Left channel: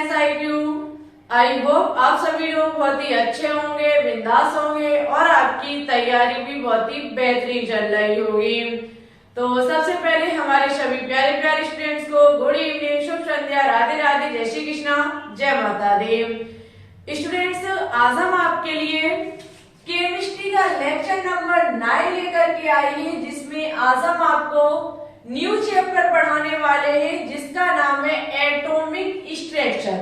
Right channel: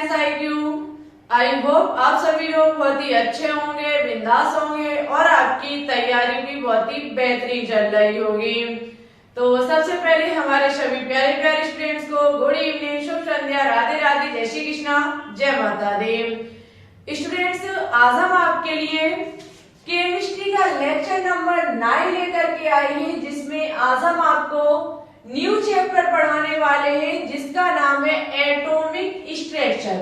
Science IQ। I hope आप सभी लोग बहुत ही अच्छे होंगे, बिंदास होंगे और आपकी तैयारी भी बहुत ही बेहतरीन चल रही होगी। तो सबसे पहले हमारे सभी प्यारे प्यारे स्टूडेंट्स को गुड इवनिंग, शुभ संध्या, राधे राधे, जय श्री कृष्णा, जय माता दी। स्टूडेंट्स, आज हम आपके लिए केमिस्ट्री का लेक्चर नंबर 9 लेकर के आए हैं, जिसमें आज हम आपको न्यू चैप्टर पढ़ाने वाले हैं जिसका नाम है एटॉमिक स्ट्रक्चर,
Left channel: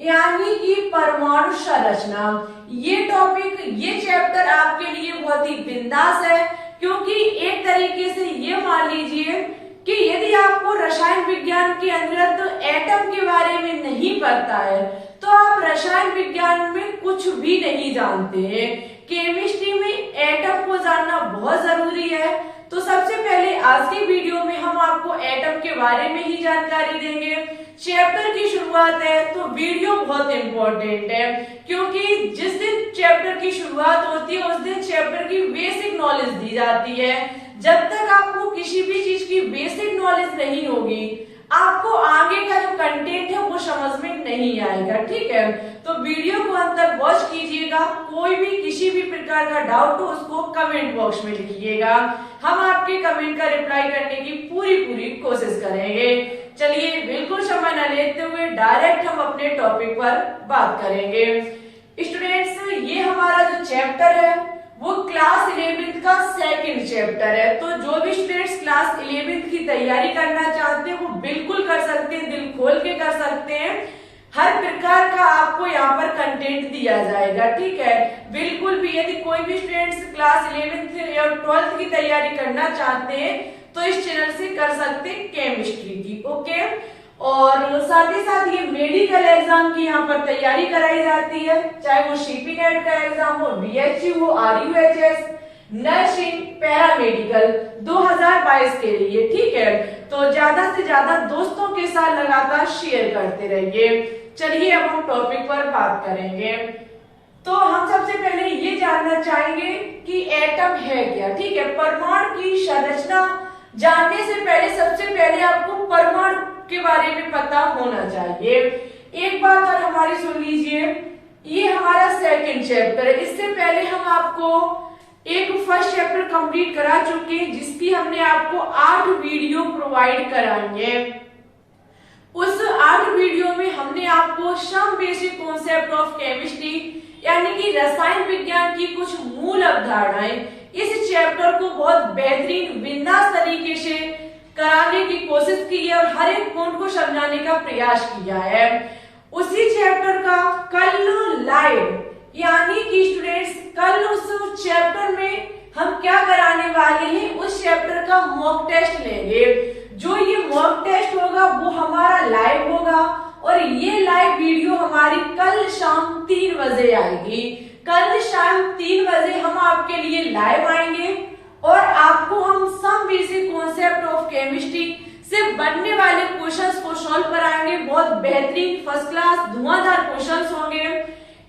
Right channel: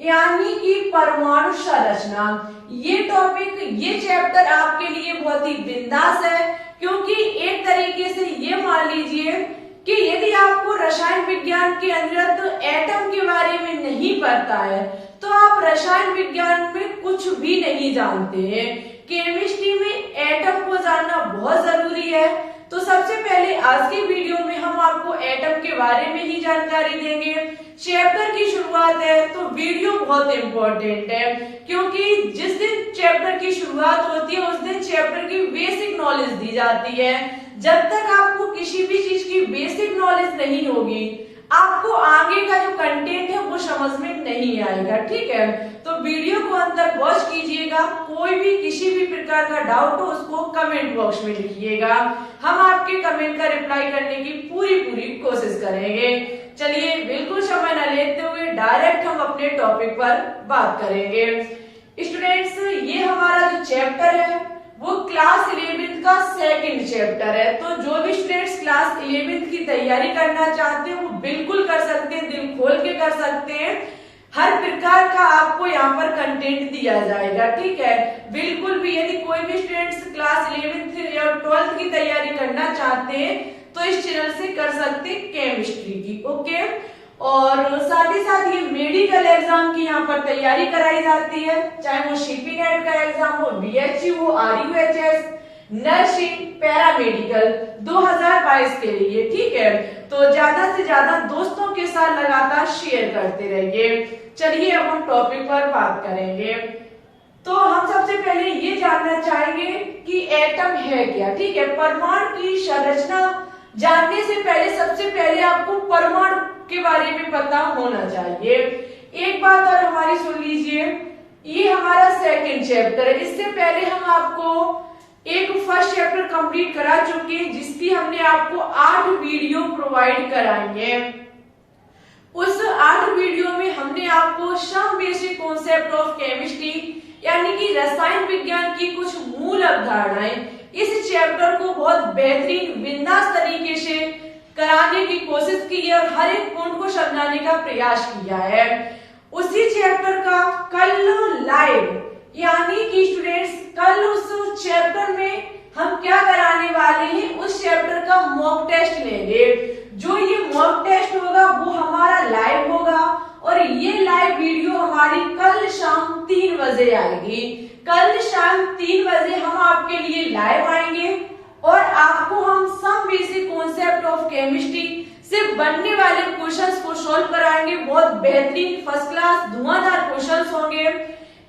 यानी कि परमाणु संरचना। ये टॉपिक, ये चैप्टर आपके लिए बहुत ही बिंदास है, क्योंकि एक तरीके से ये मान लीजिए कि यदि आपको रसायन विज्ञान के अंतर्गत एटम के बारे में नहीं पता है तो आप रसायन विज्ञान में कुछ भी नहीं जानते हैं। केमिस्ट्री में एटम को जानना बहुत जरूरी है। तो सबसे पहले आज की वीडियो में हम आपको एटम के बारे में ही जानकारी देंगे। चैप्टर की शुरुआत है तो वीडियो बहुत इंपॉर्टेंट है, क्योंकि जिस दिन चैप्टर की शुरुआत होती है उस दिन चैप्टर की बेसिक नॉलेज दी जाती है। जब तक आपको किसी भी चीज की बेसिक नॉलेज नहीं होगी, आपको आगे का जो कंटेंट है वो समझ में नहीं आएगा। ठीक है, तो वीडियो को अंत तक वॉच कीजिएगा। कोई भी किसी भी प्रकार का डाउट हो उसको कमेंट बॉक्स में लिखिएगा, हम आपके कमेंट का रिप्लाई करने की पूरी कोशिश करेंगे। चलिए बिल्कुल समय न लेते हुए डायरेक्ट हम अपने टॉपिक पर बात करेंगे। स्टूडेंट्स, ये हमारा जो चैप्टर है वो क्लास 11th का सेकंड चैप्टर है। तो जो भी स्टूडेंट्स क्लास 11th की तैयारी करना चाहते हैं वो बिल्कुल कर सकते हैं, दिल खोल के कर सकते हैं। हर प्रकार का आपको यहाँ पर कंटेंट दिया जाएगा। ठीक है, बिल्कुल भी यदि कोई भी स्टूडेंट्स क्लास 11th या 12th की तैयारी करना चाहते हैं तो इस चैनल से कर सकते हैं केमिस्ट्री की। ओके, और साथ ही साथ ये मेडिकल एग्जाम की यहाँ पर तैयारी कराई जाती है, चाहे वो CP नेट का एग्जाम हो, BHU हो, RUHS, नर्सिंग, पैरामेडिकल 2022 के लिए। ठीक है, तो ज्यादा से ज्यादा दोस्तों के साथ लगातार शेयर करते रहिए। चलिए अब हम टॉपिक पर बात करेंगे। तो हम सबसे पहले ये जानना चाहेंगे कि एटम है क्या। ठीक है, परमाणु की संरचना जानने से पहले सबसे पहले आपको परमाणु के बारे में पता होना चाहिए। एक बात और हमारी सुन लीजिए, ये हमारा सेकंड चैप्टर है। इससे पहले हम आपको एक फर्स्ट चैप्टर कंप्लीट करा चुके हैं, जिसकी हमने आपको 8 वीडियो प्रोवाइड कराएंगे। उस 8 वीडियो में हमने आपको some basic concept of chemistry, यानी कि रसायन विज्ञान की कुछ मूल अवधारणाएं, इस चैप्टर को बहुत बेहतरीन बिंदास तरीके से कराने की कोशिश की है और हर एक पॉइंट को समझाने का प्रयास किया है। उसी चैप्टर का कल लाइव, यानी कि स्टूडेंट्स कल उस चैप्टर में हम क्या कराने वाले हैं, उस चैप्टर का मॉक टेस्ट लेंगे। जो ये मॉक टेस्ट होगा वो हमारा लाइव होगा और ये लाइव वीडियो हमारी कल शाम 3 बजे आएगी। कल शाम 3 बजे हम आपके लिए लाइव आएंगे और आपको हम some basic concept of chemistry से बनने वाले क्वेश्चंस को सॉल्व कराएंगे। बहुत बेहतरीन फर्स्ट क्लास धुआंधार क्वेश्चंस होंगे,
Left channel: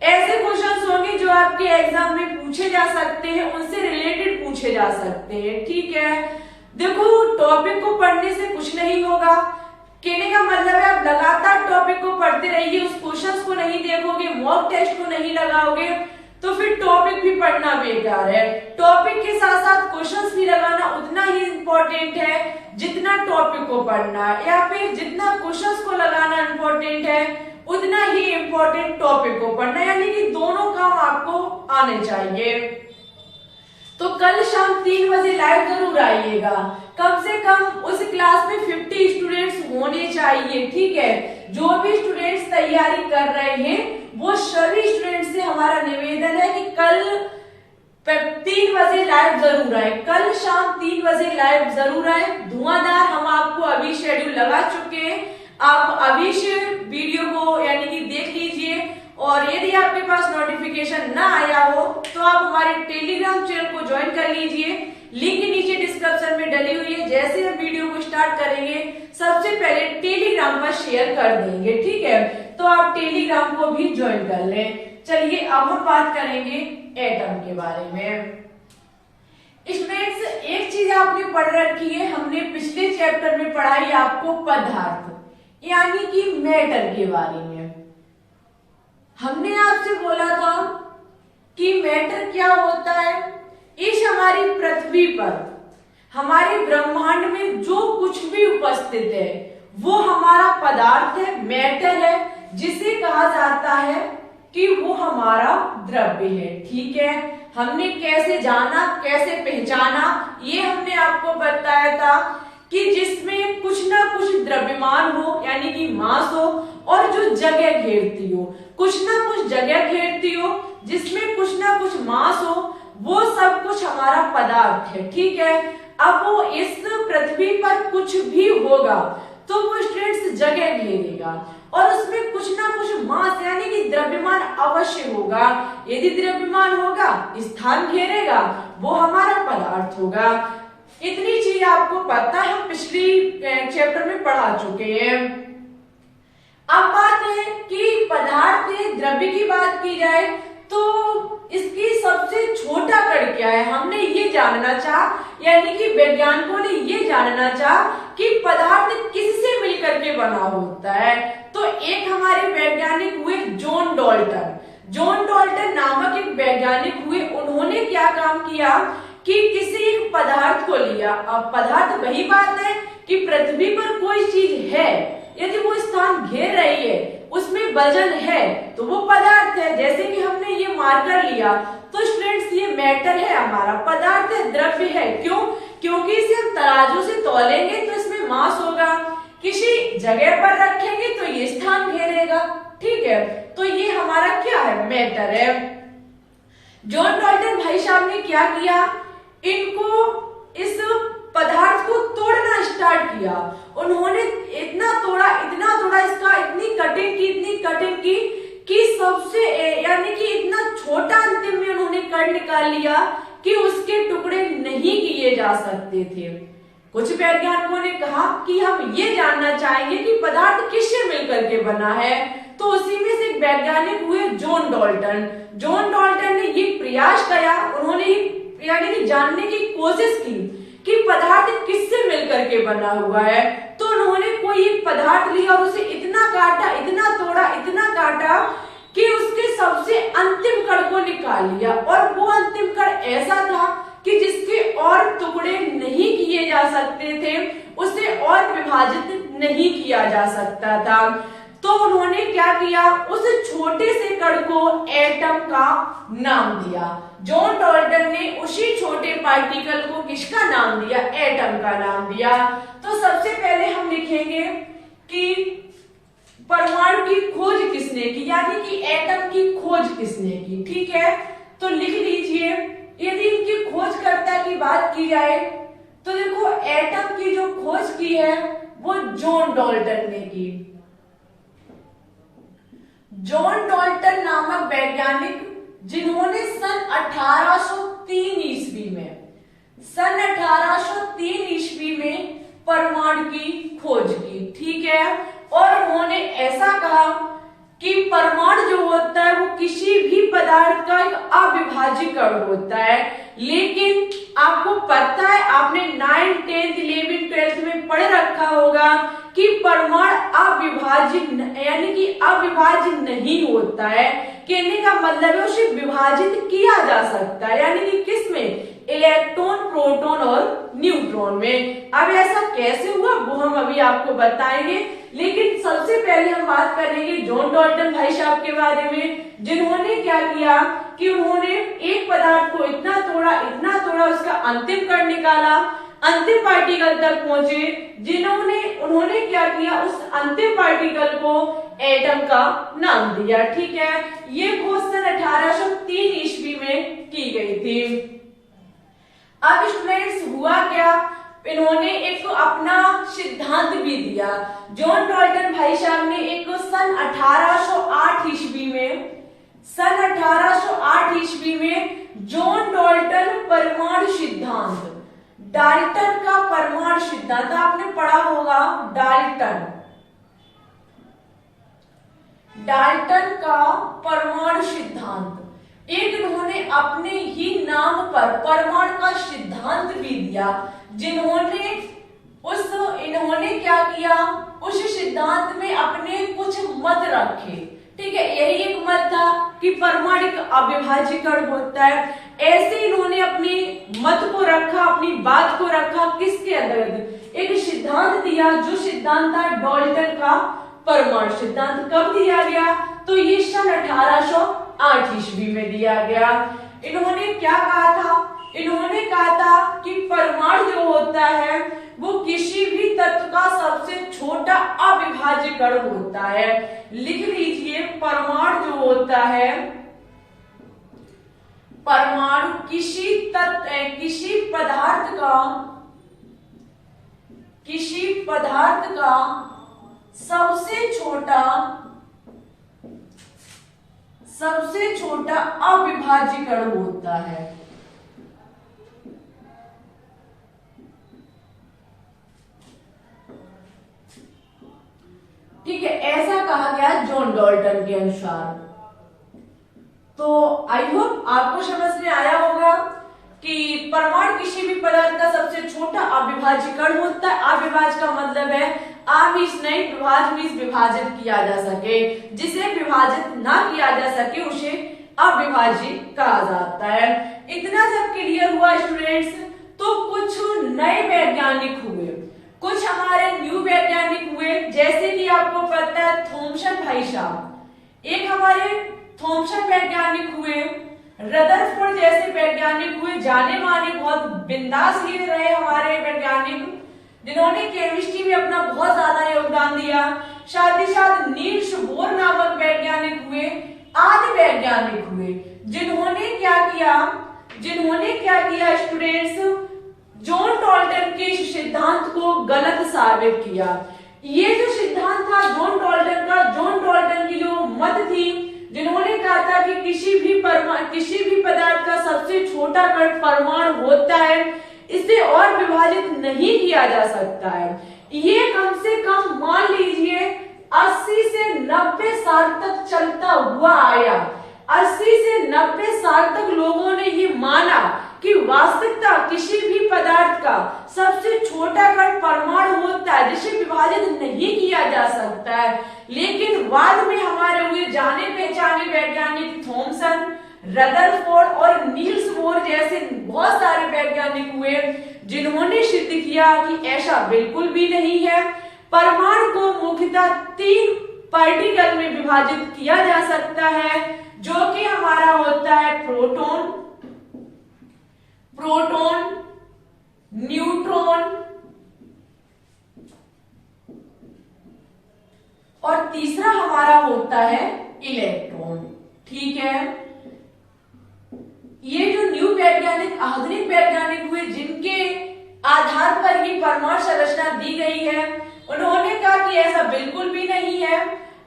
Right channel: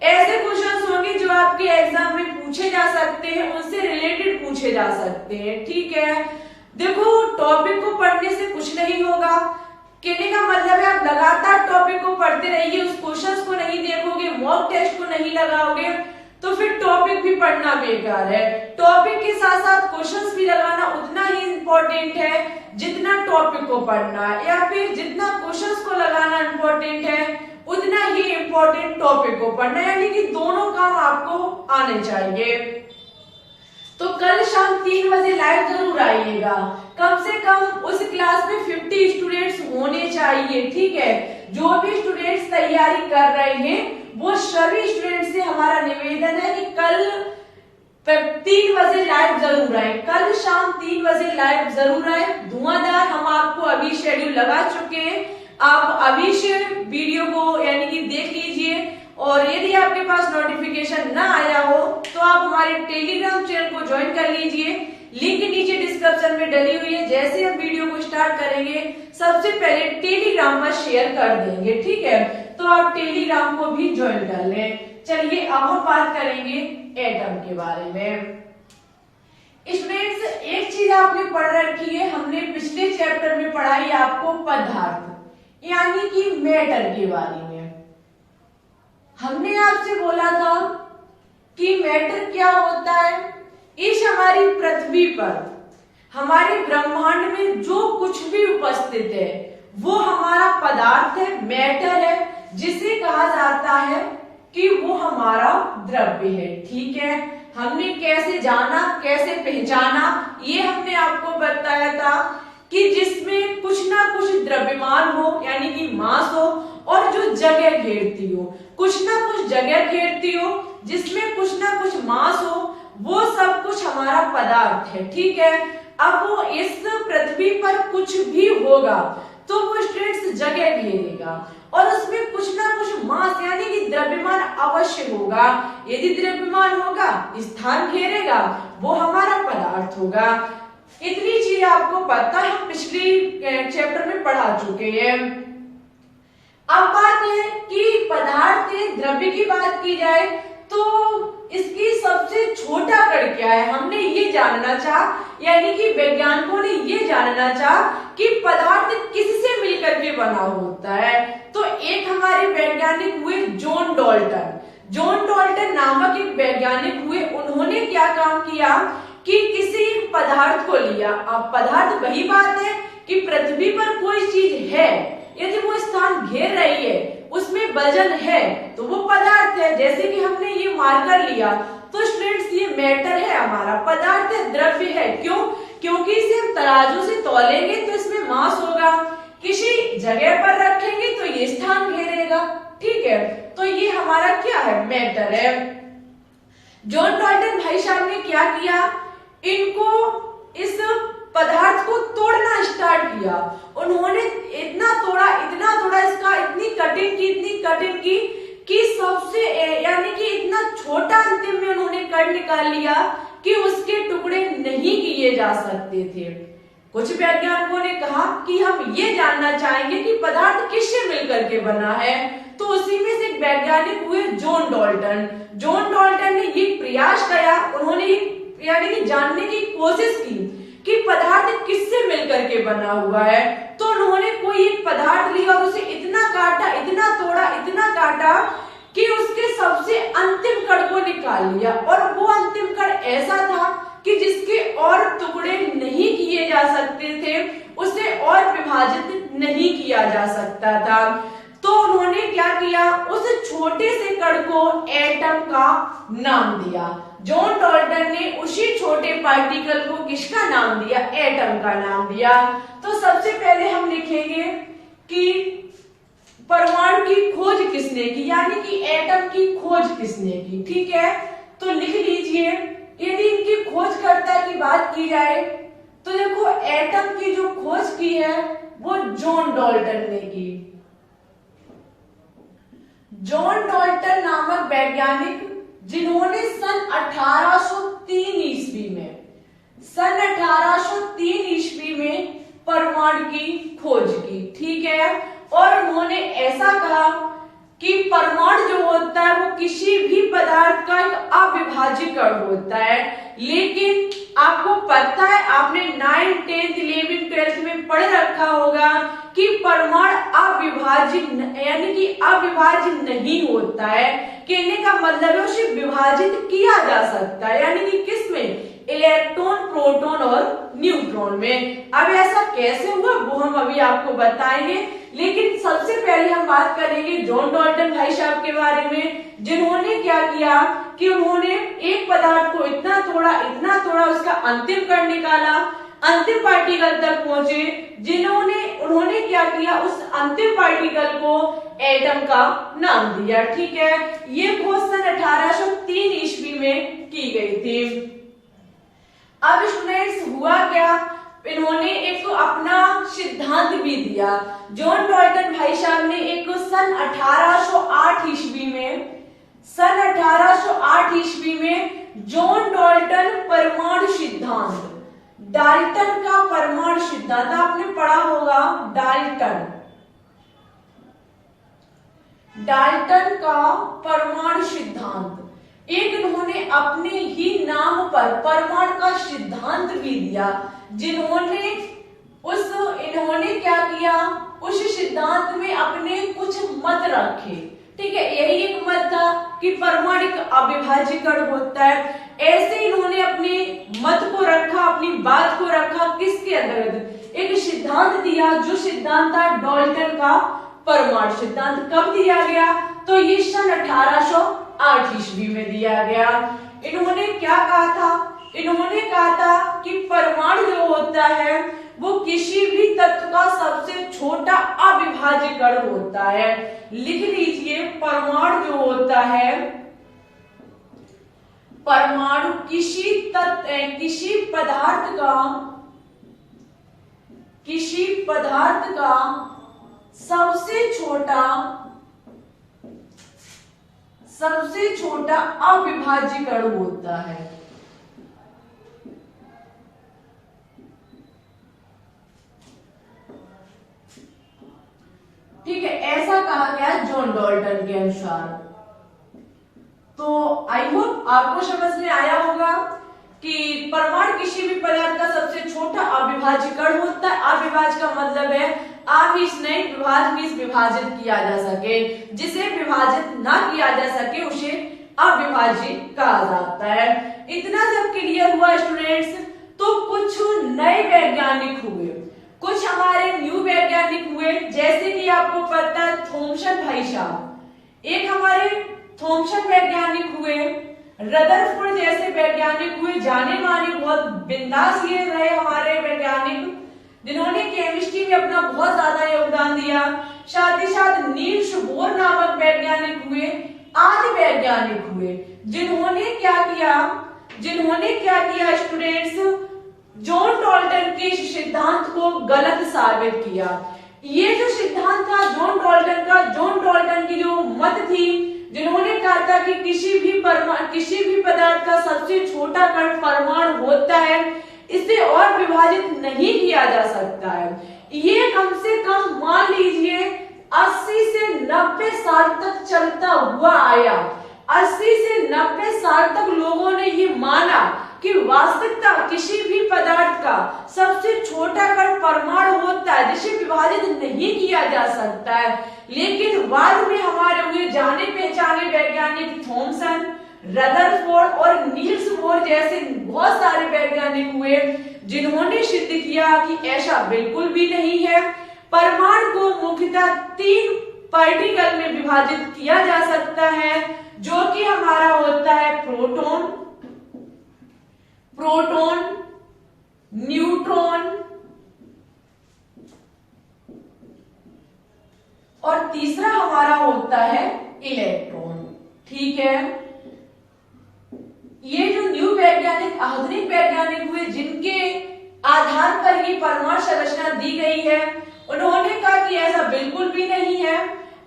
ऐसे क्वेश्चंस होंगे जो आपके एग्जाम में पूछे जा सकते हैं, उनसे रिलेटेड पूछे जा सकते हैं। ठीक है, देखो टॉपिक को पढ़ने से कुछ नहीं होगा, कहने का मतलब है आप लगातार टॉपिक को पढ़ते रहिए। उस क्वेश्चंस को नहीं देखोगे, मॉक टेस्ट को नहीं लगाओगे तो फिर टॉपिक भी पढ़ना बेकार है। टॉपिक के साथ साथ क्वेश्चंस भी लगाना उतना ही इम्पोर्टेंट है जितना टॉपिक को पढ़ना, या फिर जितना क्वेश्चंस को लगाना इम्पोर्टेंट है उतना ही इम्पोर्टेंट टॉपिक को पढ़ना, यानी कि दोनों काम आपको आने चाहिए। तो कल शाम 3 बजे लाइव जरूर आइएगा। कम से कम उस क्लास में 50 स्टूडेंट्स होने चाहिए। ठीक है, जो भी स्टूडेंट्स तैयारी कर रहे हैं वो सभी स्टूडेंट्स से हमारा निवेदन है कि कल 3 बजे लाइव जरूर आए। कल शाम 3 बजे लाइव जरूर आए। धुआंधार हम आपको अभी शेड्यूल लगा चुके हैं, आप अभी से वीडियो को यानी कि देख लीजिए। और यदि आपके पास नोटिफिकेशन ना आया हो तो आप हमारे टेलीग्राम चैनल को ज्वाइन कर लीजिए, लिंक नीचे डिस्क्रिप्शन में डली हुई है। जैसे हम वीडियो को स्टार्ट करेंगे सबसे पहले टेलीग्राम पर शेयर कर देंगे। ठीक है, तो आप टेलीग्राम को भी ज्वाइन कर लें। चलिए अब हम बात करेंगे एटम के बारे में। स्टूडेंट्स, एक चीज आपने पढ़ रखी है, हमने पिछले चैप्टर में पढ़ाई आपको पदार्थ यानी कि मैटर के बारे में। हमने आपसे बोला था कि मैटर क्या होता है। इस हमारी पृथ्वी पर, हमारे ब्रह्मांड में जो कुछ भी उपस्थित है वो हमारा पदार्थ है, मैटर है, जिसे कहा जाता है कि वो हमारा द्रव्य है। ठीक है, हमने कैसे जाना, कैसे पहचाना, ये हमने आपको बताया था कि जिसमें कुछ ना कुछ द्रव्यमान हो यानी कि मास हो, और जो जगह घेरती हो, कुछ ना कुछ जगह घेरती हो, जिसमें कुछ ना कुछ मास हो, वो सब कुछ हमारा पदार्थ है। ठीक है, अब वो इस पृथ्वी पर कुछ भी होगा तो वो स्ट्रेट्स जगह घेरेगा और उसमें कुछ ना कुछ मास यानी कि द्रव्यमान अवश्य होगा। यदि द्रव्यमान होगा, स्थान घेरेगा, वो हमारा पदार्थ होगा। इतनी चीज आपको पता है, हम पिछली चैप्टर में पढ़ा चुके हैं। अब बात है कि पदार्थ द्रव्य की बात की जाए तो इसकी सबसे छोटा कण क्या है, हमने ये जानना चाहा, यानी कि वैज्ञानिकों ने ये जानना चाहा कि पदार्थ किससे मिलकर के बना होता है। तो एक हमारे वैज्ञानिक हुए जॉन डाल्टन। जॉन डाल्टन नामक एक वैज्ञानिक हुए, उन्होंने क्या काम किया कि किसी एक पदार्थ को लिया। अब पदार्थ वही बात है कि पृथ्वी पर कोई चीज है, यदि वो स्थान घेर रही है, उसमें वजन है, तो वो पदार्थ है। जैसे कि हमने ये मार्कर लिया तो स्टूडेंट्स ये मैटर है, हमारा पदार्थ है, द्रव्य है। क्यों? क्योंकि इसे हम तराजू से तौलेंगे तो इसमें मास होगा, किसी जगह पर रखेंगे तो ये स्थान घेरेगा। ठीक है, तो ये हमारा क्या है, मैटर है। जॉन डाल्टन भाई साहब ने क्या किया, इनको इस पदार्थ को तोड़ना स्टार्ट किया। उन्होंने इतना तोड़ा इसका, इतनी कटिंग की कि सबसे यानी कि इतना छोटा अंतिम में उन्होंने कट निकाल लिया कि उसके टुकड़े नहीं किए जा सकते थे। कुछ वैज्ञानिकों ने कहा कि हम ये जानना चाहेंगे कि पदार्थ किससे मिलकर के बना है, तो उसी में से एक वैज्ञानिक हुए जॉन डाल्टन। जॉन डाल्टन ने ये प्रयास किया, उन्होंने यानी कि जानने की कोशिश की कि पदार्थ किससे मिलकर के बना हुआ है। तो उन्होंने कोई एक पदार्थ लिया और उसे इतना काटा, इतना तोड़ा, इतना काटा कि उसके सबसे अंतिम कण को निकाल लिया, और वो अंतिम कण ऐसा था कि जिसके और टुकड़े नहीं किए जा सकते थे, उसे और विभाजित नहीं किया जा सकता था। तो उन्होंने क्या किया, उस छोटे से कण को एटम का नाम दिया। जॉन डाल्टन ने उसी छोटे पार्टिकल को किसका नाम दिया, एटम का नाम दिया। तो सबसे पहले हम लिखेंगे कि परमाणु की खोज किसने की, यानी कि एटम की खोज किसने की। ठीक है, तो लिख लीजिए, यदि इनकी खोजकर्ता की बात की जाए तो देखो एटम की जो खोज की है वो जॉन डाल्टन ने की। जॉन डाल्टन नामक वैज्ञानिक, जिन्होंने सन 1803 ईस्वी में परमाणु की खोज की। ठीक है, और उन्होंने ऐसा कहा कि परमाणु जो होता है वो किसी भी पदार्थ का एक अविभाज्य कण होता है। लेकिन आपको पता है, आपने 9th 10th 11th 12th में पढ़ रखा होगा कि परमाणु अविभाज्य यानी कि अविभाज्य नहीं होता है। कहने का मतलब है उसे विभाजित किया जा सकता है, यानी कि किसमें, इलेक्ट्रॉन, प्रोटॉन और न्यूट्रॉन में। अब ऐसा कैसे हुआ वो हम अभी आपको बताएंगे, लेकिन सबसे पहले हम बात करेंगे जॉन डाल्टन भाई साहब के बारे में, जिन्होंने क्या किया कि उन्होंने एक पदार्थ को इतना तोड़ा, उसका अंतिम कण निकाला, अंतिम पार्टिकल तक पहुंचे, उन्होंने क्या किया, उस अंतिम पार्टिकल को एटम का नाम दिया। ठीक है, ये खोज सन 1803 ईस्वी में की गई थी। अब स्टूडेंट्स हुआ क्या, इन्होंने एक अपना सिद्धांत भी दिया। जॉन डाल्टन भाई साहब ने एक सन 1808 ईस्वी में जॉन डाल्टन परमाणु सिद्धांत, डाल्टन का परमाणु सिद्धांत आपने पढ़ा होगा, डाल्टन का परमाणु सिद्धांत, एक इन्होंने अपने ही नाम पर परमाणु का सिद्धांत भी दिया। इन्होंने क्या किया, उस सिद्धांत में अपने कुछ मत रखे। ठीक है, यही एक मत था कि परमाणु एक अविभाज्य कण होता है। ऐसे इन्होंने अपने मत को रखा, अपनी बात को रखा किसके अंतर्गत, एक सिद्धांत दिया जो सिद्धांत था डाल्टन का परमाणु सिद्धांत। कब दिया गया, तो ये सन 1808 ईस्वी में दिया गया। इन्होंने क्या कहा था, इन्होंने कहा था कि परमाणु जो होता है वो किसी भी तत्व का सबसे छोटा अविभाज्य कण होता है। लिख लीजिए, परमाणु जो होता है, परमाणु किसी पदार्थ का सबसे छोटा अविभाज्य कण होता है। ठीक है, ऐसा कहा गया जॉन डाल्टन के अनुसार। तो आई होप आपको समझ में आया होगा कि परमाणु किसी भी पदार्थ का सबसे छोटा अविभाज्य कण होता है। अविभाज्य का मतलब है आमिष नहीं, विभाज्य मीन्स विभाजित किया जा सके। जिसे विभाजित ना किया जा सके उसे अविभाज्य कहा जाता है। इतना जब क्लियर हुआ स्टूडेंट्स, तो कुछ नए वैज्ञानिक हुए, कुछ हमारे न्यू वैज्ञानिक हुए। जैसे कि आपको पता है थॉमसन भाई साहब, एक हमारे थॉमसन वैज्ञानिक हुए, रदरफोर्ड जैसे वैज्ञानिक हुए, जाने माने बहुत बिंदास ये रहे हमारे वैज्ञानिक, जिन्होंने केमिस्ट्री में अपना बहुत ज्यादा योगदान दिया। साथ ही साथ नील्स बोर नामक वैज्ञानिक हुए, आदि वैज्ञानिक हुए, जिन्होंने क्या किया स्टूडेंट्स, जॉन डाल्टन के सिद्धांत को गलत साबित किया। ये जो सिद्धांत था जॉन डाल्टन की जो मत थी, जिन्होंने कहा था कि किसी भी पदार्थ का सबसे छोटा कण परमाणु होता है, इसे और विभाजित नहीं किया जा सकता है। ये कम से कम मान लीजिए 80 से 90 साल तक चलता हुआ आया। 80 से 90 साल तक लोगों ने ये माना कि वास्तविकता किसी भी पदार्थ का सबसे छोटा कण परमाणु होता है, जिसे विभाजित नहीं किया जा सकता है। लेकिन बाद में हमारे हुए जाने पहचाने वैज्ञानिक थॉमसन, रदरफोर्ड और नील्स बोर जैसे बहुत सारे वैज्ञानिक हुए, जिन्होंने सिद्ध किया कि ऐसा बिल्कुल भी नहीं है। परमाणु को मुख्यतः 3 पार्टिकल में विभाजित किया जा सकता है, जो कि हमारा होता है प्रोटॉन, न्यूट्रॉन और तीसरा हमारा होता है इलेक्ट्रॉन। ठीक है, ये जो न्यू वैज्ञानिक, आधुनिक वैज्ञानिक हुए, जिनके आधार पर ये परमाणु संरचना दी गई है, उन्होंने कहा कि ऐसा बिल्कुल भी नहीं है।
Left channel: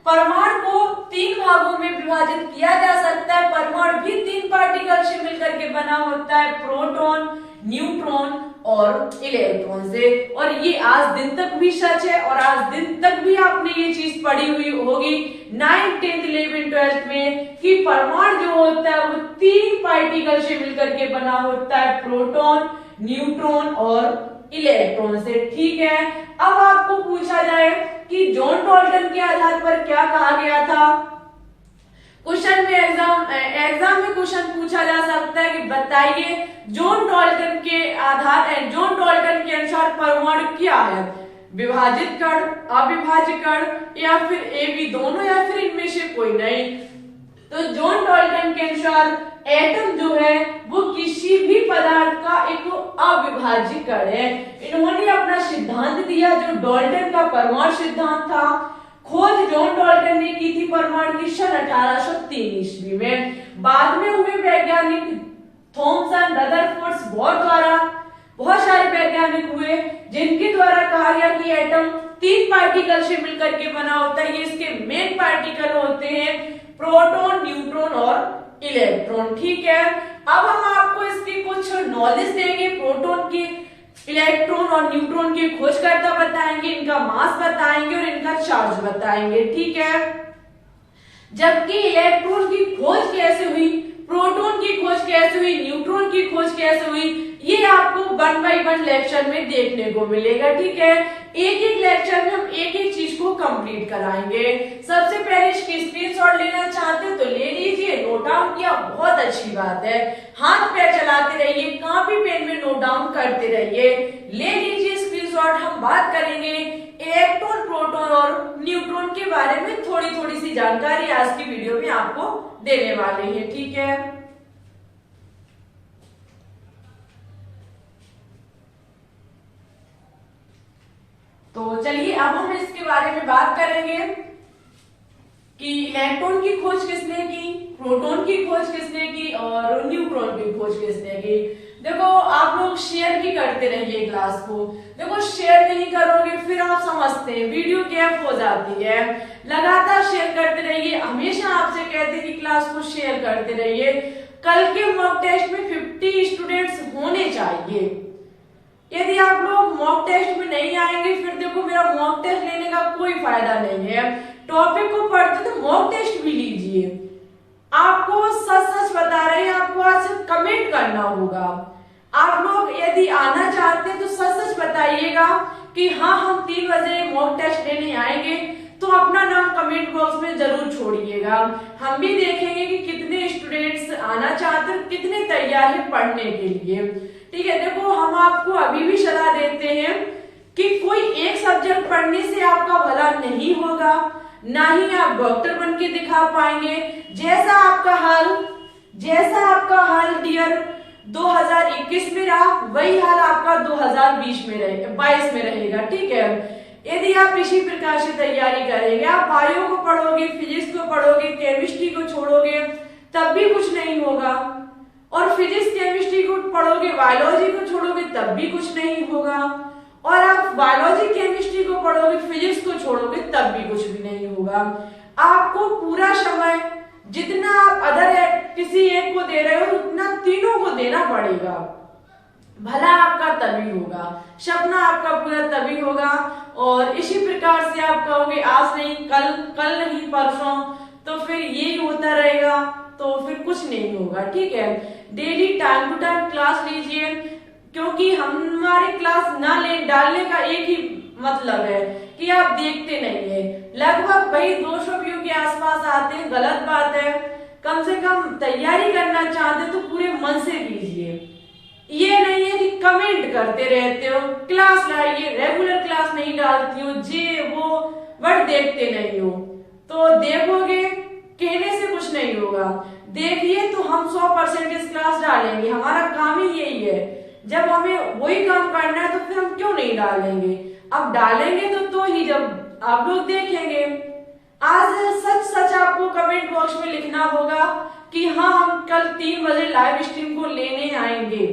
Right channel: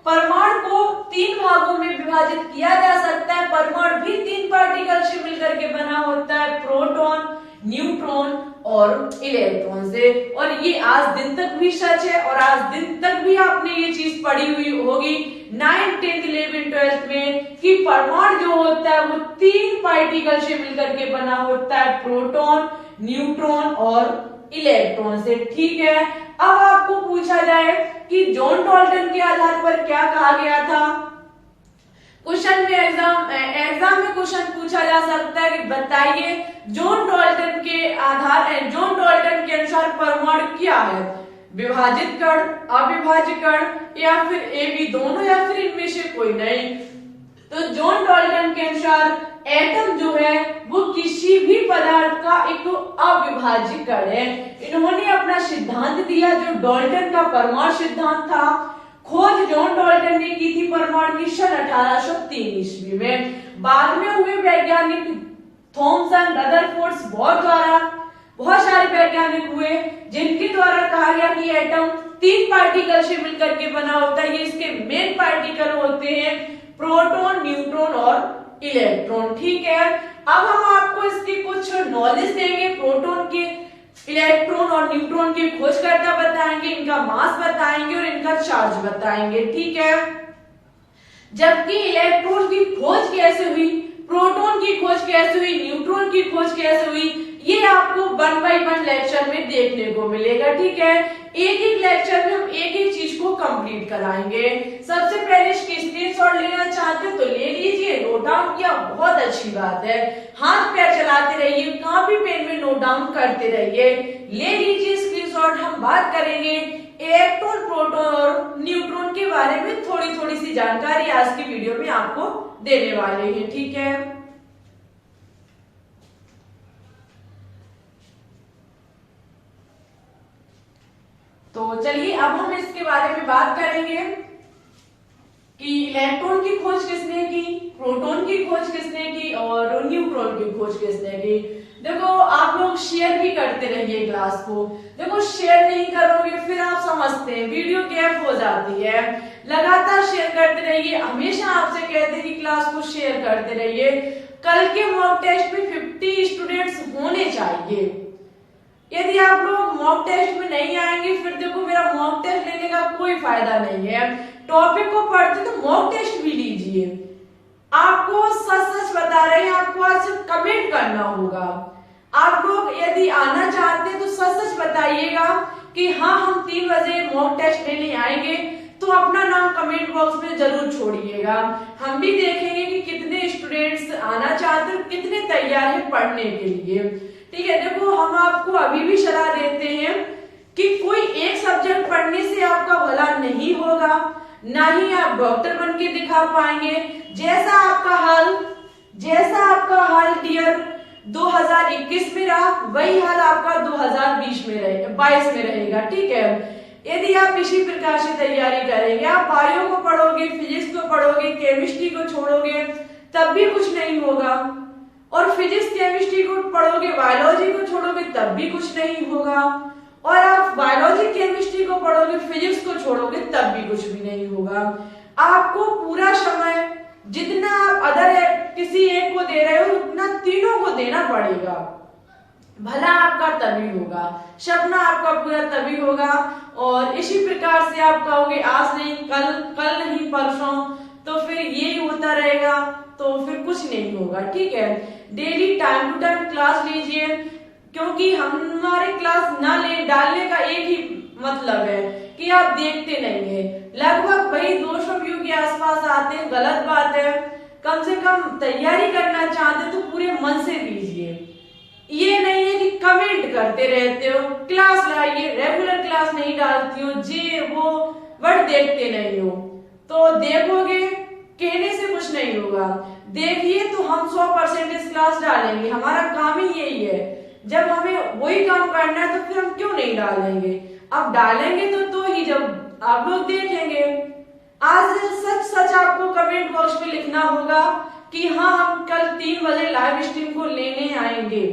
परमाणु को 3 भागों में विभाजित किया जा सकता है। परमाणु भी 3 पार्टिकल से मिलकर के बना होता है, प्रोटॉन, न्यूट्रॉन और इलेक्ट्रॉन से। और ये आज दिन तक भी सच है, और आज दिन तक भी आपने ये चीज पढ़ी हुई होगी 9th, 10th, 11th, 12th में, कि परमाणु जो होता है वो 3 पार्टिकल से मिलकर के बना होता है, प्रोटॉन, न्यूट्रॉन और इलेक्ट्रॉन से। ठीक है, अब आपको पूछा जाए कि जॉन डाल्टन के आधार पर क्या कहा गया था। क्वेश्चन में एग्जाम में क्वेश्चन पूछा जा सकता है कि बताइए जॉन डाल्टन के अनुसार परमाणु क्या है, विभाजित कण, अविभाज्य कण, या फिर ए बी दोनों, या फिर इनमें से कोई नहीं। तो जॉन डाल्टन के अनुसार एटम जो है वो किसी भी पदार्थ का एक अविभाज्य कण है। इन्होंने अपना सिद्धांत दिया जो डाल्टन का परमाणु सिद्धांत था। खोज जॉन डाल्टन ने की थी परमाणु की सन 1803 ईस्वी में। बाद में हुए वैज्ञानिक थॉमसन, रदरफोर्ड, बोर द्वारा बहुत सारे वैज्ञानिक हुए, जिनके द्वारा कहा गया कि एटम 3 पार्टिकल से मिलकर के बना होता है। ये इसके मेन पार्टिकल होते हैं प्रोटॉन, न्यूट्रॉन और इलेक्ट्रॉन। ठीक है, अब हम आपको इसकी कुछ नॉलेज देंगे। प्रोटॉन के, इलेक्ट्रॉन और न्यूट्रॉन की खोजकर्ता बताएंगे, इनका मास बताएंगे और इनका चार्ज बताएंगे। ठीक है, जबकि इलेक्ट्रॉन की खोज कैसे हुई, प्रोटॉन की खोज कैसे हुई, न्यूट्रॉन की खोज कैसे हुई, ये आपको 1 by 1 लेक्चर में देखने को मिलेगा। ठीक है, एक एक लेक्चर में हम एक एक चीज को कंप्लीट कराएंगे। सबसे पहले इसकी स्क्रीनशॉट लेना चाहते हो तो ले लीजिए, नोट डाउन किया, बहुत अच्छी बात है। हाथ पैर चलाते रहिए, कॉपी पेन में नोट डाउन करते रहिए। ले लीजिए स्क्रीनशॉट। हम बात करेंगे इलेक्ट्रॉन, प्रोटॉन और न्यूट्रॉन के बारे में थोड़ी थोड़ी सी जानकारी आज की वीडियो में आपको देने वाले हैं, ठीक है। तो चलिए अब हम इसके बारे में बात करेंगे कि इलेक्ट्रॉन की खोज किसने की, प्रोटॉन की खोज किसने की और न्यूट्रॉन की खोज किसने की। देखो आप लोग शेयर भी करते रहिए क्लास को। देखो शेयर नहीं करोगे फिर आप समझते हैं वीडियो गैप हो जाती है। लगातार शेयर करते रहिए। हमेशा आपसे कहते कि क्लास को शेयर करते रहिए। कल के मॉक टेस्ट में 50 स्टूडेंट्स होने चाहिए। यदि आप लोग मॉक टेस्ट में नहीं आएंगे फिर देखो मेरा मॉक टेस्ट लेने का कोई फायदा नहीं है। टॉपिक को पढ़ते तो मॉक टेस्ट भी लीजिए। आपको सच सच बता रहे हैं, आपको आज कमेंट करना होगा। आप लोग यदि आना चाहते हैं तो सच सच बताइएगा कि हाँ हम 3 बजे मॉक टेस्ट लेने आएंगे, तो अपना नाम कमेंट बॉक्स में जरूर छोड़िएगा। हम भी देखेंगे कि कितने स्टूडेंट्स आना चाहते हैं, कितने तैयार हैं पढ़ने के लिए, ठीक है। देखो हम आपको अभी भी सलाह देते हैं कि कोई एक सब्जेक्ट पढ़ने से आपका भला नहीं होगा, ना ही आप डॉक्टर बन के दिखा पाएंगे। जैसा आपका हाल डियर 2021 में रहा वही हाल आपका 2020 में रहेगा, 22 में रहेगा, ठीक है। यदि आप इसी प्रकार से तैयारी करेंगे, आप बायो को पढ़ोगे, फिजिक्स को पढ़ोगे, केमिस्ट्री को छोड़ोगे तब भी कुछ नहीं होगा, और फिजिक्स केमिस्ट्री को पढ़ोगे, बायोलॉजी को छोड़ोगे तब भी कुछ नहीं होगा, और आप बायोलॉजी केमिस्ट्री को पढ़ोगे, फिजिक्स को छोड़ोगे तब भी कुछ भी नहीं होगा। आपको पूरा समय जितना आप अदर किसी एक को दे रहे हो उतना तीनों को देना पड़ेगा। भला आपका तभी होगा, सपना आपका पूरा तभी होगा। और इसी प्रकार से आप कहोगे आज नहीं कल नहीं परसों, तो फिर यही होता रहेगा, तो फिर कुछ नहीं होगा, ठीक है। Daily time to time class लीजिए, क्योंकि हमारे क्लास ना ले डालने का एक ही मतलब है कि आप देखते नहीं है। लगभग वही 200 व्यू के आसपास आते हैं, गलत बात है। कम से कम तैयारी करना चाहते हैं तो पूरे मन से कीजिए। ये नहीं है कि कमेंट करते रहते हो, क्लास लाइए, रेगुलर क्लास नहीं डालती हो, जे वो बट देखते नहीं हो, तो देखोगे कहने से कुछ नहीं होगा। देखिए तो हम 100% क्लास डालेंगे, हमारा काम ही यही है। जब हमें वही काम करना है तो फिर हम क्यों नहीं डालेंगे। अब डालेंगे तो ही जब आप लोग देखेंगे। आज सच सच आपको कमेंट बॉक्स में लिखना होगा कि हाँ हम कल 3 बजे लाइव स्ट्रीम को लेने आएंगे।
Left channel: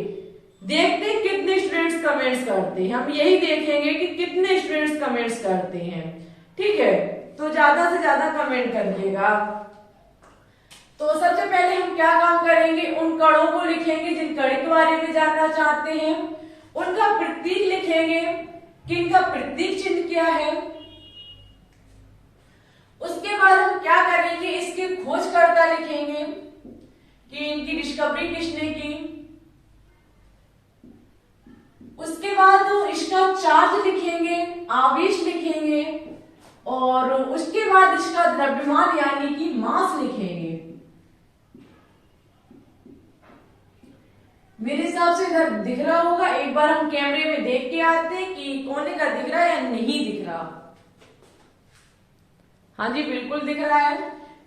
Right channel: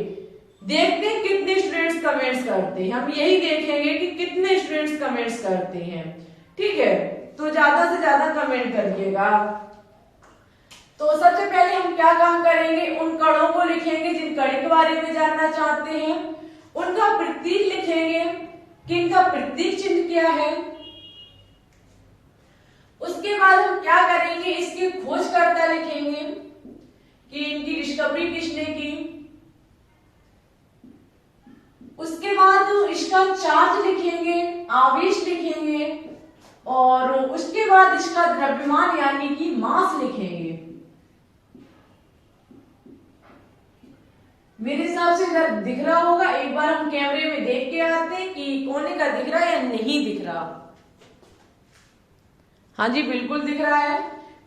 देखते हैं कितने स्टूडेंट्स कमेंट्स करते हैं, हम यही देखेंगे कि कितने स्टूडेंट्स कमेंट्स करते हैं, ठीक है। तो ज्यादा से ज्यादा कमेंट करिएगा। तो सबसे पहले हम क्या काम करेंगे, उन कणों को लिखेंगे जिन कण के बारे में जानना चाहते हैं, उनका प्रतीक लिखेंगे कि इनका प्रतीक चिन्ह क्या है। उसके बाद हम क्या करेंगे, इसके खोजकर्ता लिखेंगे कि इनकी डिस्कवरी किसने की। उसके बाद इसका चार्ज लिखेंगे, आवेश लिखेंगे, और उसके बाद इसका द्रव्यमान यानी कि मास लिखेंगे। मेरे हिसाब से इधर दिख रहा होगा, एक बार हम कैमरे में देख के आते हैं कि कोने का दिख रहा है या नहीं दिख रहा। हाँ जी बिल्कुल दिख रहा है।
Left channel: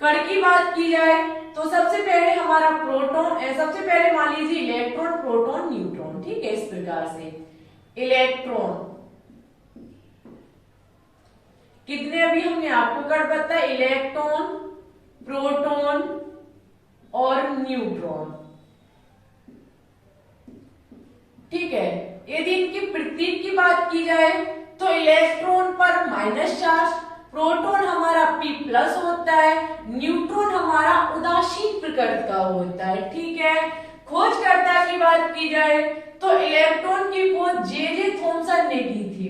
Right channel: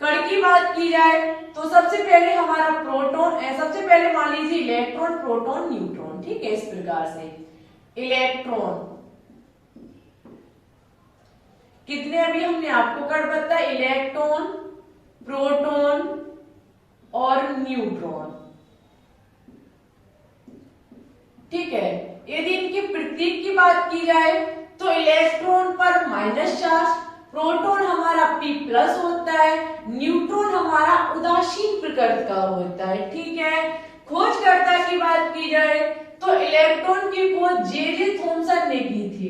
कण की बात की जाए तो सबसे पहले हमारा प्रोटॉन है। सबसे पहले मान लीजिए इलेक्ट्रॉन, प्रोटॉन, न्यूट्रॉन, ठीक है। इस प्रकार से इलेक्ट्रॉन कितने अभी हमने आपको कण बताया, इलेक्ट्रॉन, प्रोटॉन और न्यूट्रॉन, ठीक है। यदि इनके प्रतीक की बात की जाए तो इलेक्ट्रॉन पर माइनस चार्ज, प्रोटॉन हमारा P+ होता है, न्यूट्रॉन हमारा उदासीन प्रकृति का होता है, ठीक है। खोजकर्ता की बात की जाए तो इलेक्ट्रॉन की खोज जे थॉमसन ने की थी,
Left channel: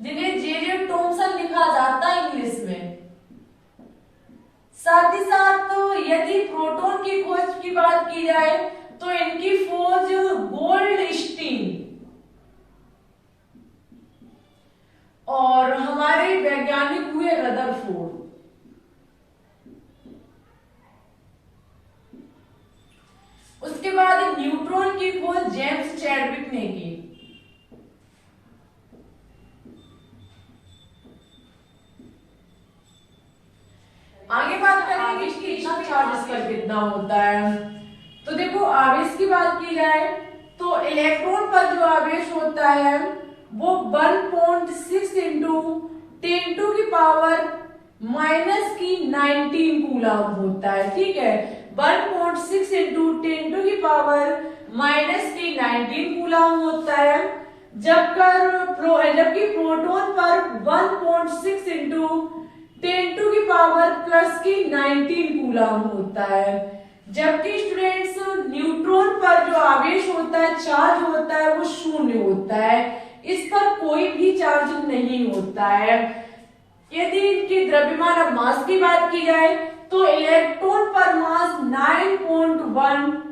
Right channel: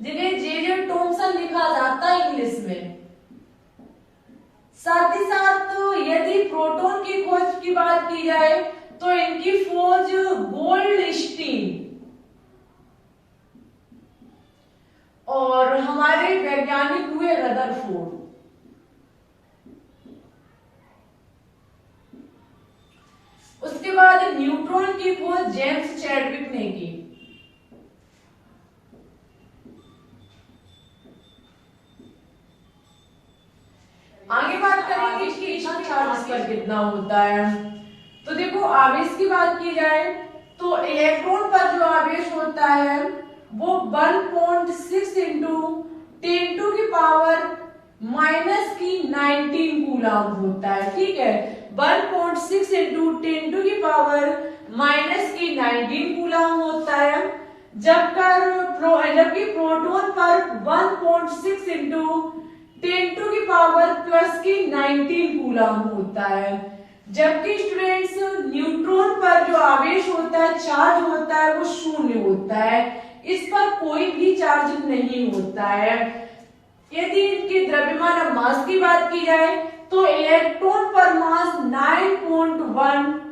जिन्हें जे थॉमसन लिखा जाता है इंग्लिश में। साथ ही साथ यदि प्रोटॉन की खोज की बात की जाए तो इनकी खोज गोल्डस्टीन, और हमारे वैज्ञानिक हुए रदरफोर्ड। उसके बाद न्यूट्रॉन की खोज जेम्स चैडविक ने की। आगे बात करेंगे कि इतना चार्ज इस पर कितना होता है। तो देखो आवेश की बात की जाए तो इलेक्ट्रॉन पर जो आवेश होता है वो 1.6 इंटू 10⁻⁻⁻19 कूलम होता है। ठीक है, 1.6 इंटू 10⁻⁻⁻19 कूलम होता है। जबकि प्रोटॉन पर 1.6 इंटू 10⁻⁻19 कूलम होता है। जबकि स्टूडेंट्स न्यूट्रॉन पर जो आवेश होता है, चार्ज होता है, वो शून्य होता है। इस पर कोई भी चार्ज नहीं होता है। यदि इनकी द्रव्यमान और मास की बात की जाए तो इलेक्ट्रॉन पर मास 9.1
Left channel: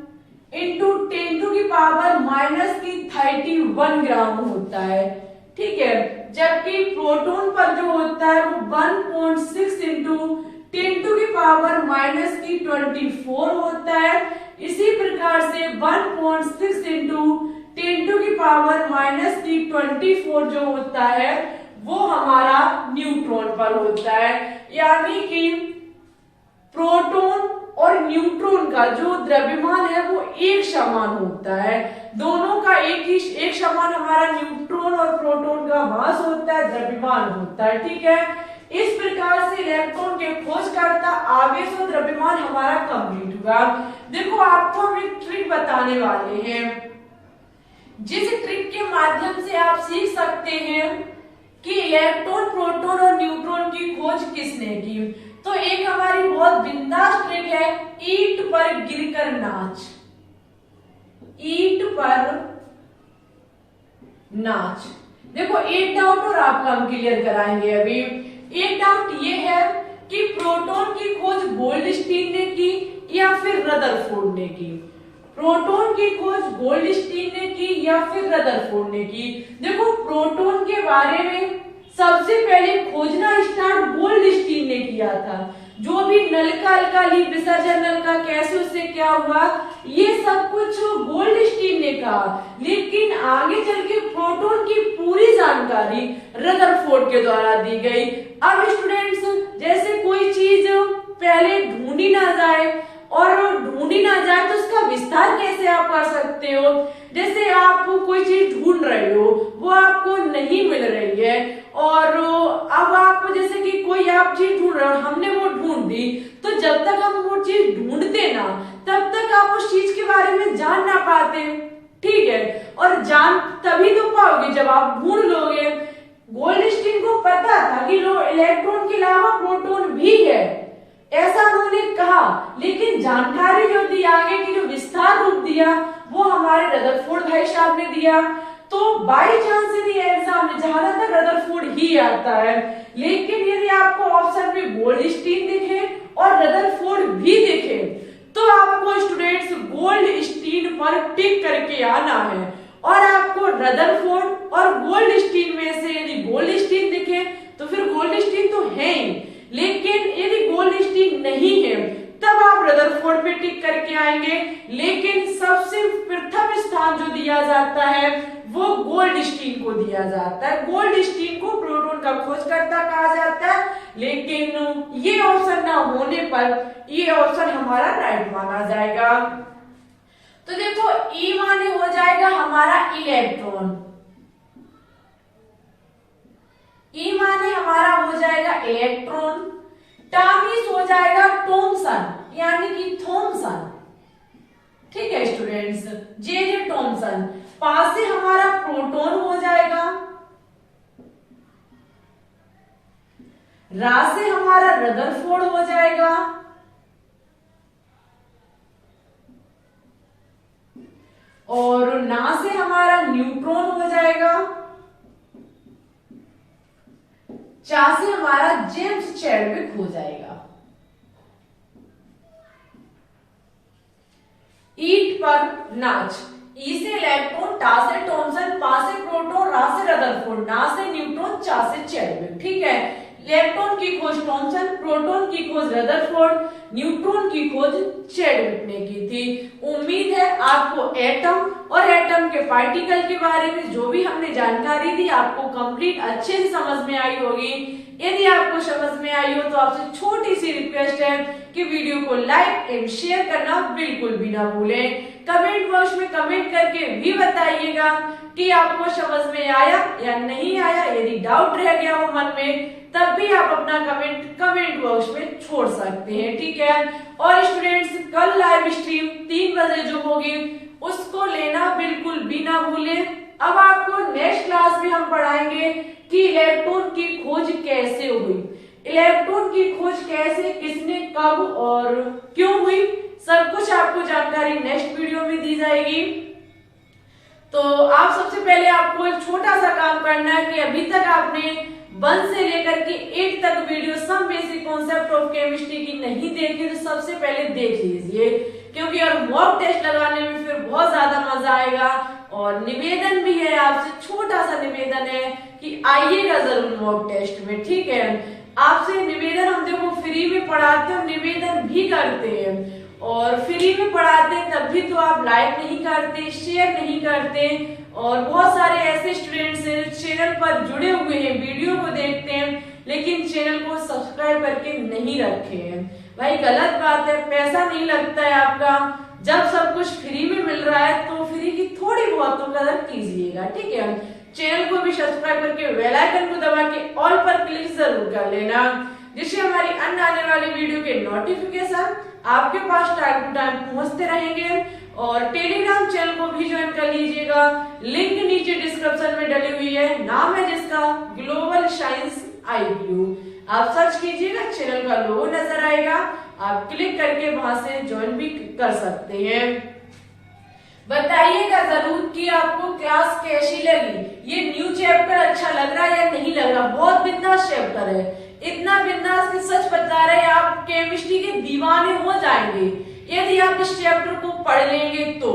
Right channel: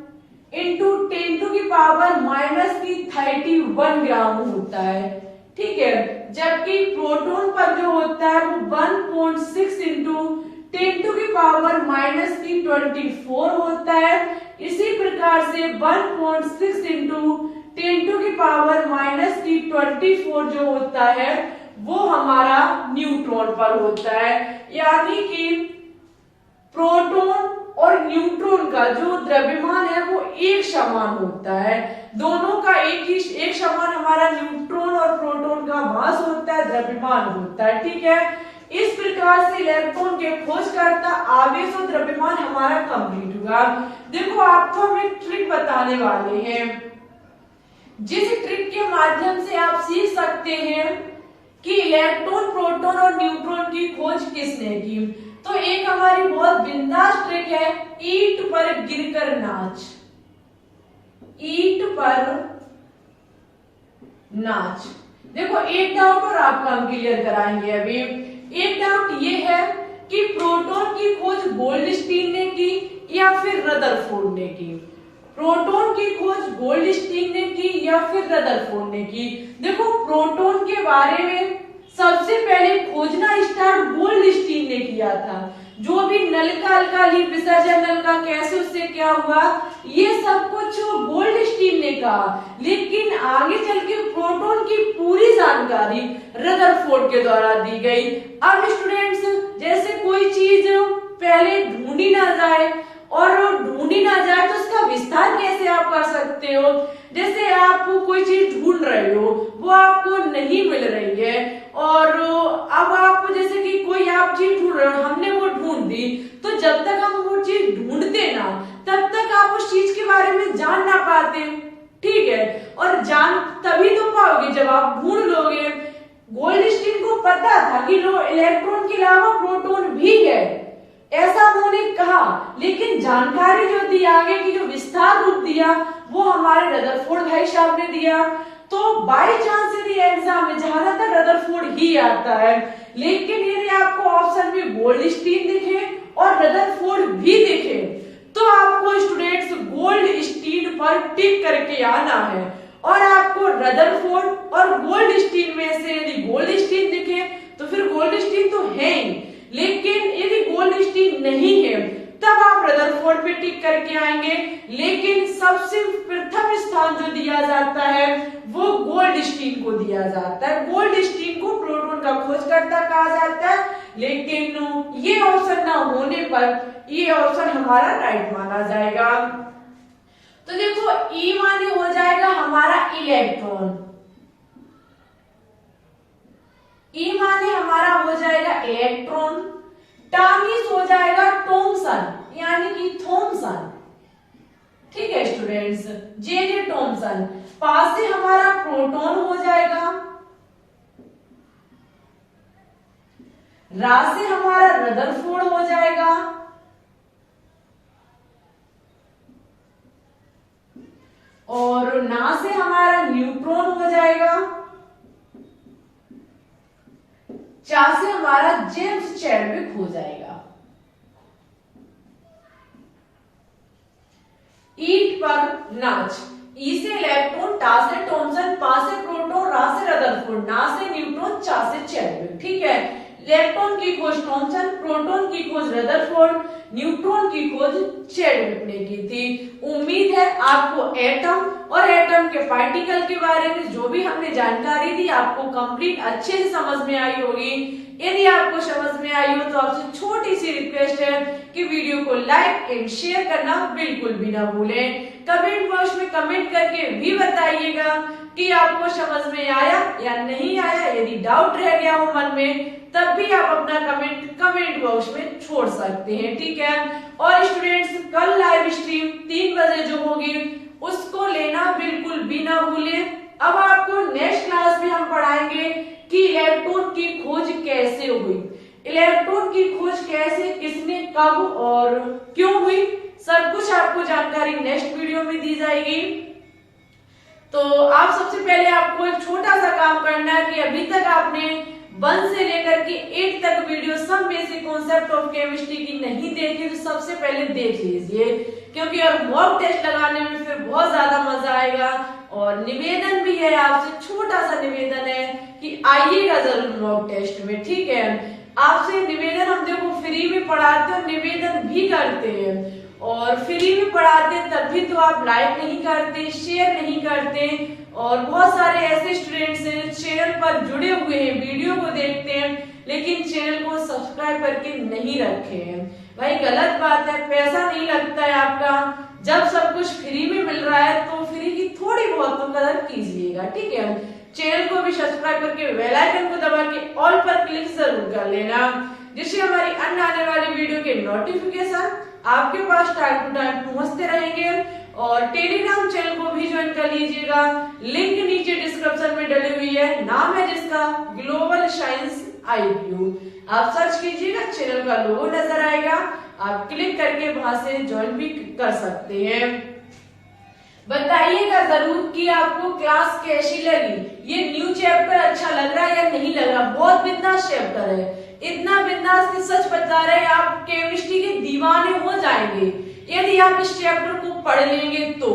इंटू 10⁻⁻31 ग्राम होता है। ठीक है, जबकि प्रोटॉन पर जो होता है वो 1.6 इंटू 10⁻⁻24 होता है। इसी प्रकार से 1.6 इंटू 10⁻⁻24 जो होता है वो हमारा न्यूट्रॉन पर होता है। यानी कि प्रोटॉन और न्यूट्रॉन का जो द्रव्यमान है वो एक समान होता है। दोनों का एक समान हमारा न्यूट्रॉन और प्रोटॉन का मास होता है, द्रव्यमान होता है। ठीक है, इस प्रकार से इलेक्ट्रॉन के खोजकर्ता, आवेश और द्रव्यमान हमारा कंप्लीट हुआ। देखो आपको हम एक ट्रिक बताने वाले हैं, जिस ट्रिक के माध्यम से आप सीख सकते हैं कि इलेक्ट्रॉन, प्रोटॉन और न्यूट्रॉन की खोज किसने की। तो एक हमारी बहुत बिंदास ट्रिक है, ईंट पर गिरकर नाच। ईंट पर नाच। देखो एक डाउट और आपका हम क्लियर कराएंगे अभी। एक डाउट ये है कि प्रोटॉन की खोज गोल्डस्टीन ने की या फिर रदरफोर्ड ने की। प्रोटॉन की खोज गोल्डस्टीन ने की या फिर रदरफोर्ड ने की। देखो प्रोटॉन के बारे में सबसे पहले खोजना स्टार्ट गोल्डस्टीन ने किया था। जो भी नलिका अल्काली विसर्जन नलिका कैसे उससे क्या हुआ, ये सब कुछ गोल्डस्टीन ने कहा। लेकिन आगे चल के प्रोटॉन की पूरी जानकारी रदरफोर्ड के द्वारा दी गई। अब स्टूडेंट्स, जैसे कोई चीज पहले ढूंढी ना जाए और ढूंढी ना जाए तो उसका विस्तार कैसे आप कर सकते हो। जैसे आप कोई चीज ढूंढ रहे हो, वो आपको नहीं मिल रही है, और अब आप जैसे कि कोई आप चीज ढूंढ रहे हो, हमने वो ढूंढ दी, तो जब तक हम वो चीज ढूंढते ना तब तक आप उस चीज के बारे में जान ना पाते। ठीक है, और जान तभी तो पाओगे जब आप ढूंढ लोगे। गोल्डस्टीन को पता था कि इलेक्ट्रॉन के अलावा प्रोटॉन भी है, ऐसा उन्होंने कहा, लेकिन जानकारी जो दी आगे की जो विस्तार रूप दिया वो हमारे रदरफोर्ड भाई साहब ने दिया। तो बाई चांस यदि एग्जाम में ज्यादातर रदरफोर्ड ही आता है, लेकिन यदि आपको ऑप्शन में गोल्डस्टीन दिखे और रदरफोर्ड भी दिखे तो आपको स्टूडेंट्स गोल्डस्टीन पर टिक करके आना है। और आपको रदरफोर्ड और गोल्डस्टीन में से यदि गोल्डस्टीन दिखे तो फिर गोल्डस्टीन तो है ही, लेकिन यदि गोल्डस्टीन नहीं है तब आप रदरफोर्ड पे टिक करके आएंगे। लेकिन सबसे प्रथम स्थान जो दिया जाता है वो गोल्डस्टीन को दिया जाता है। गोल्डस्टीन को प्रोटॉन का खोजकर्ता कहा जाता है, लेकिन ये ऑप्शन ना होने पर ये ऑप्शन हमारा राइट माना जाएगा। तो देखो ई माने हो जाएगा हमारा इलेक्ट्रॉन, ई माने हमारा हो जाएगा इलेक्ट्रॉन, टामिस हो जाएगा थॉमसन यानी कि थॉमसन। ठीक है स्टूडेंट्स, जे थॉमसन। पास से हमारा प्रोटॉन हो जाएगा, रा से हमारा रदरफोर्ड हो जाएगा, और ना से हमारा न्यूट्रॉन हो जाएगा, चा से हमारा जेम्स चैडविक हो जाएगा। ईट पर नाच, ई से इलेक्ट्रॉन, टा से थॉमसन, पा से प्रोटॉन, रा से रदरफोर्ड, ना से न्यूटन, चा से चैडविक। ठीक है, इलेक्ट्रॉन की खोज थॉमसन, प्रोटॉन की खोज रदरफोर्ड, न्यूट्रॉन की खोज चैडविक ने की थी। उम्मीद है आपको एटम और एटम के पार्टिकल के बारे में जो भी हमने जानकारी दी आपको कंप्लीट अच्छे से समझ में आई होगी। यदि आपको समझ में आई हो तो आपसे छोटी सी रिक्वेस्ट है कि वीडियो को लाइक एंड शेयर करना बिल्कुल भी ना भूलें। कमेंट बॉक्स में कमेंट करके भी बताइएगा कि आपको समझ में आया या नहीं आया। यदि डाउट रह गया हो मन में तब भी आप अपना कमेंट बॉक्स में छोड़ सकते हैं। ठीक है, और स्टूडेंट्स कल लाइव स्ट्रीम 3 बजे जो होगी उसको लेना बिल्कुल भी ना भूलें। अब आपको नेक्स्ट क्लास में हम पढ़ाएंगे कि इलेक्ट्रॉन की खोज कैसे हुई, इलेक्ट्रॉन की खोज कैसे, किसने, कब और क्यों हुई, सब कुछ आपको जानकारी नेक्स्ट वीडियो में दी जाएगी। तो आप सबसे पहले आपको एक छोटा सा काम करना है कि अभी तक आपने 1 से लेकर के 8 तक video some basic concept of chemistry की नहीं देखी तो सबसे पहले देख लीजिए, क्योंकि और मॉक टेस्ट लगाने में फिर बहुत ज्यादा मजा आएगा। और निवेदन भी है आपसे, छोटा सा निवेदन है कि आइएगा जरूर मॉक टेस्ट में। ठीक है, आपसे निवेदन हम देखो फ्री में पढ़ाते और निवेदन भी करते हैं, और फ्री में पढ़ाते तब भी तो आप लाइक नहीं करते, शेयर नहीं करते। और बहुत सारे ऐसे स्टूडेंट्स हैं चैनल पर जुड़े हुए हैं, वीडियो को देखते हैं लेकिन चैनल को सब्सक्राइब करके नहीं रखे हैं। भाई गलत बात है, पैसा नहीं लगता है आपका। जब सब कुछ फ्री में मिल रहा है तो फ्री की थोड़ी बहुत तो कदर कीजिएगा। ठीक है, चैनल को भी सब्सक्राइब करके बेल आइकन को दबा के ऑल पर क्लिक जरूर कर लेना, जिससे हमारी अन्य आने वाली वीडियो के नोटिफिकेशन आपके पास टाइम टू टाइम पहुंचते रहेंगे। और टेलीग्राम चैनल को भी ज्वाइन कर लीजिएगा, लिंक नीचे डिस्क्रिप्शन में डली हुई है, नाम है जिसका ग्लोबल साइंस IQ। आप सर्च कीजिएगा, चैनल का लोगो नजर आएगा, आप क्लिक करके वहां से ज्वाइन भी कर सकते हैं। बताइएगा जरूर कि आपको क्लास कैसी लगी, ये न्यू चैप्टर अच्छा लग रहा है या नहीं लग रहा। बहुत बिंदास चैप्टर है, इतना बिंदास कि सच बता रहे आप केमिस्ट्री के दीवाने हो जाएंगे यदि आप इस चैप्टर को पढ़ लेंगे तो।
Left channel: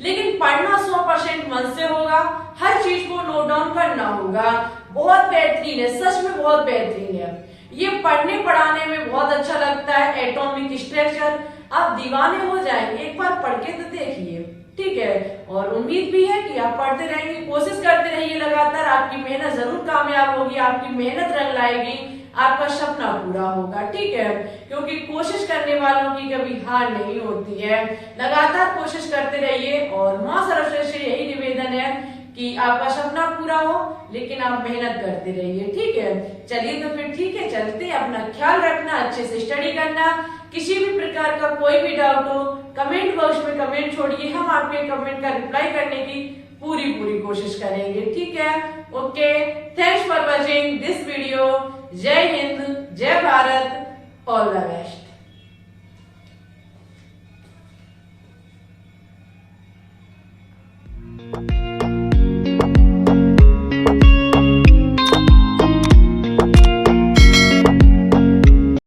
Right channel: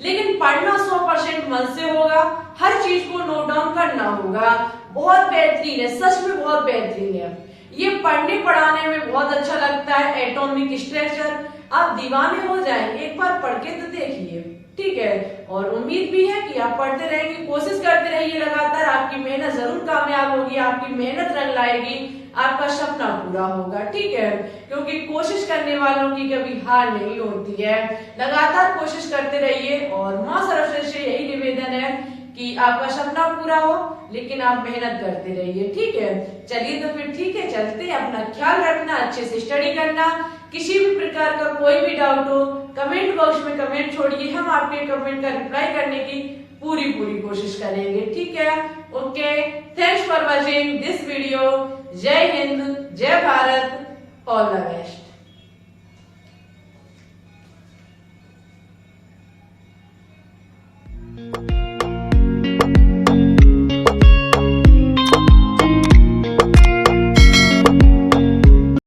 लेकिन पढ़ना 100% मन से होगा, हर चीज को नोट डाउन करना होगा। बहुत बेहतरीन है, सच में बहुत बेहतरीन है। ये पढ़ने पढ़ाने में बहुत अच्छा लगता है। एटॉमिक स्ट्रक्चर आप दीवाने हो जाएंगे, एक बार पढ़ के तो देखिए। ठीक है, और उम्मीद भी है कि आप पढ़ते रहेंगे, कोशिश करते रहिए लगातार, आपकी मेहनत जरूर कामयाब होगी, आपकी मेहनत रंग लाएगी, आपका सपना पूरा होगा। ठीक है, क्योंकि कोशिश करने वालों की कभी हार नहीं होती है। लगातार कोशिश करते रहिए और मां सरस्वती से यही निवेदन है कि आपका सपना पूरा हो, लेकिन आप मेहनत करते रहिए। ठीक है, चलिए तो फिर ठीक है, चलते हैं। अपना ख्याल रखना, अच्छे से स्टडी करना। किसी भी प्रकार का कोई भी डाउट हो कमेंट बॉक्स में कमेंट छोड़िए, हम आपके कमेंट का रिप्लाई करने की पूरी कोशिश करेंगे। ठीक है, okay, thanks for watching this video. जय हिंद, जय भारत, ऑल द बेस्ट।